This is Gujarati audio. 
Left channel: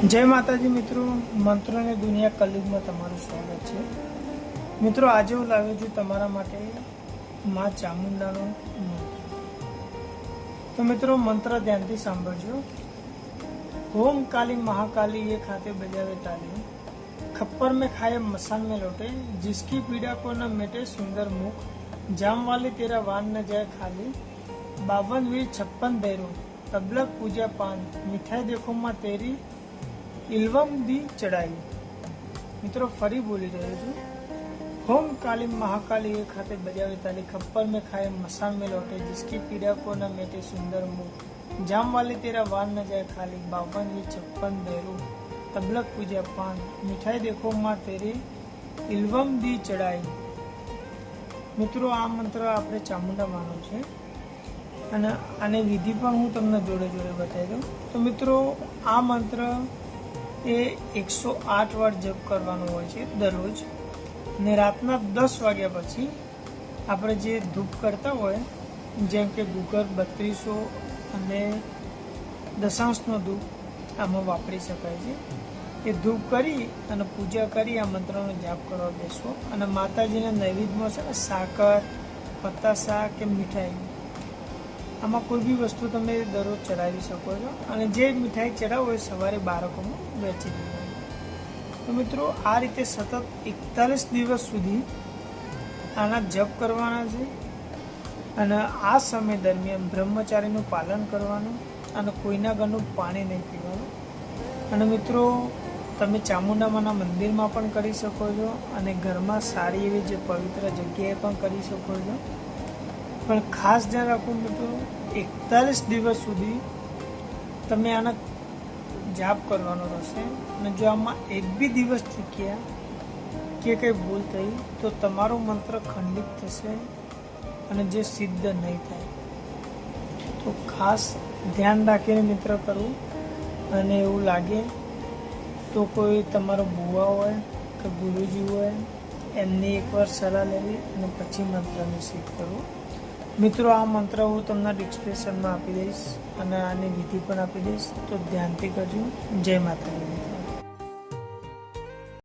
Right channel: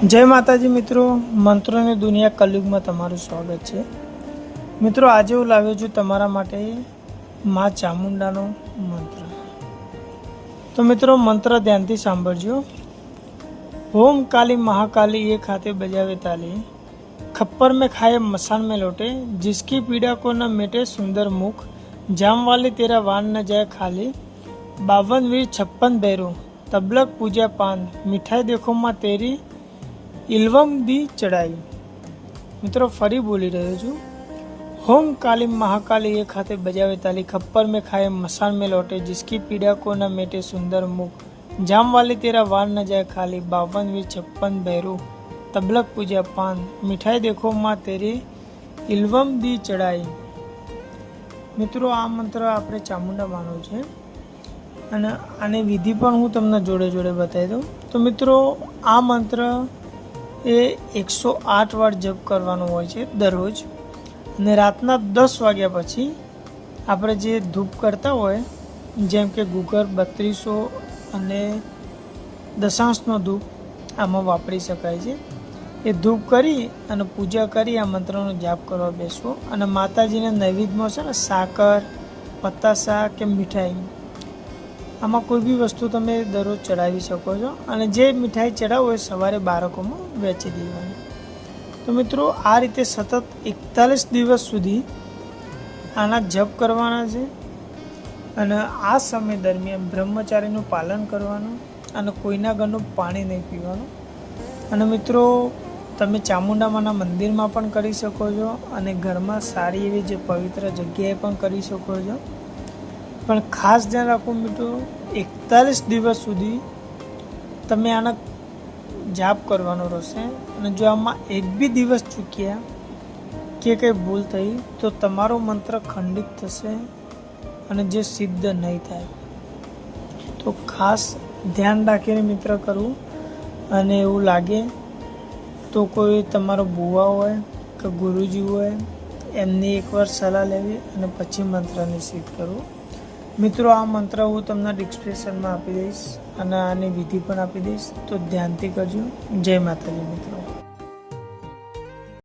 જય માતાજી મિત્રો, મંત્રોની દુનિયા કલયુગમાં તમારું સ્વાગત છે। મિત્રો આજે હું લાવ્યો છું તમારા માટે મા ચામુંડાનો મંત્ર। તો મિત્રો મંત્ર ધ્યાનથી સાંભળજો। ઓમ काली महाकाली एक हाथे बजावे ताली, खप्पर में खाए मसान में लौटे, जिसकी पीड़ा को न मेटे सुंदर मुख, जाम वाले तेरा वान न जाए खाली, 52 वीर 56 भैरो, तबलक पूजा पान, मिठाई देखो माँ तेरी इल्वम दी चढ़ाई। मित्रों फरी बोली रहे छू। होम काली महाकाली एक हाथे बजावे ताली, खप्पर में खाए मसान में लौटे, जिसकी पीड़ा को न मेटे सुंदर मुख, जाम वाली तेरा वान न जाए खाली, 52 वीर 56 भैरो, तबलक पूजा पान, मिठाई देखो माँ तेरी इल्वम दी चढ़ाई। मित्रों आ मंत्र आपणे चामुंडा मानो छे અને આની વિધિ પણ હું તમને જોડે જોડે બતાવી દઉં। તો મિત્રો આ મંત્ર એ 108 વાર જપ કરવાનો હોય છે દરરોજ, અને રાતના 10 વાગ્યા પછી આપણે જે ધૂપ કરતા હોય, જેમ કે ગુગર 3200 અને દશાંશનો ધૂપ આમાં વાપરી શકાય છે। એ ધૂપ કરી અને પૂજા કરી આ મંત્રનો જાપ કરવા બેસવો, અને માતાજીને નૈવેદ્યમાં છે ને સાકર, પતાસા કે મીઠાઈ, આમાં કોઈ બી વસ્તુ તમે દરરોજ ચડાવી શકો છો, અને જે મીઠાઈ ચડાવો એ સવારે બાળકોમાં વેચી દેવાની। તો મિત્રો આ રીતે સતત 41 દિવસ સુધી આના જપ કરવાના છે, અને આ સમય દરમિયાન બ્રહ્મચારીનું પાલન કરવાનું, અને કોઈના ઘરનું પાણી નહીં પીવાનું। અને મિત્રો તમે ચામુંડામાના મંદિરમાં પણ કરી શકો છો, અને ઘરમાં સારી એવી જે પવિત્ર જગ્યાએ પણ કરી શકો છો। પણ ખાસ ધ્યાન રાખો મિત્રો, 41 દિવસ સુધી તમે આના જાપ કરવાનો રહેશે, અને જો આમાં એક બી દિવસ ચૂક્યા કે કંઈ ભૂલ થઈ તો તમારો મંત્ર ખંડિત થશે અને જે સિદ્ધ નહીં થાય। તો ખાસ ધ્યાન રાખીને મિત્ર કરવું, અને એવું લાગે તો કોઈ તમારો બુવા હોય કે ગુરુજી હોય એમની એકવાર સલાહ લેવી અને પછી મંત્રને સિદ્ધ કરવું। મિત્રો આ મંત્ર હું તમને ડિસ્ક્રિપ્શનમાં આપી દઈશ, અને આની વિધિ પણ આપી દઈશ, તો ધ્યાનથી કરજો। જય માતાજી મિત્રો।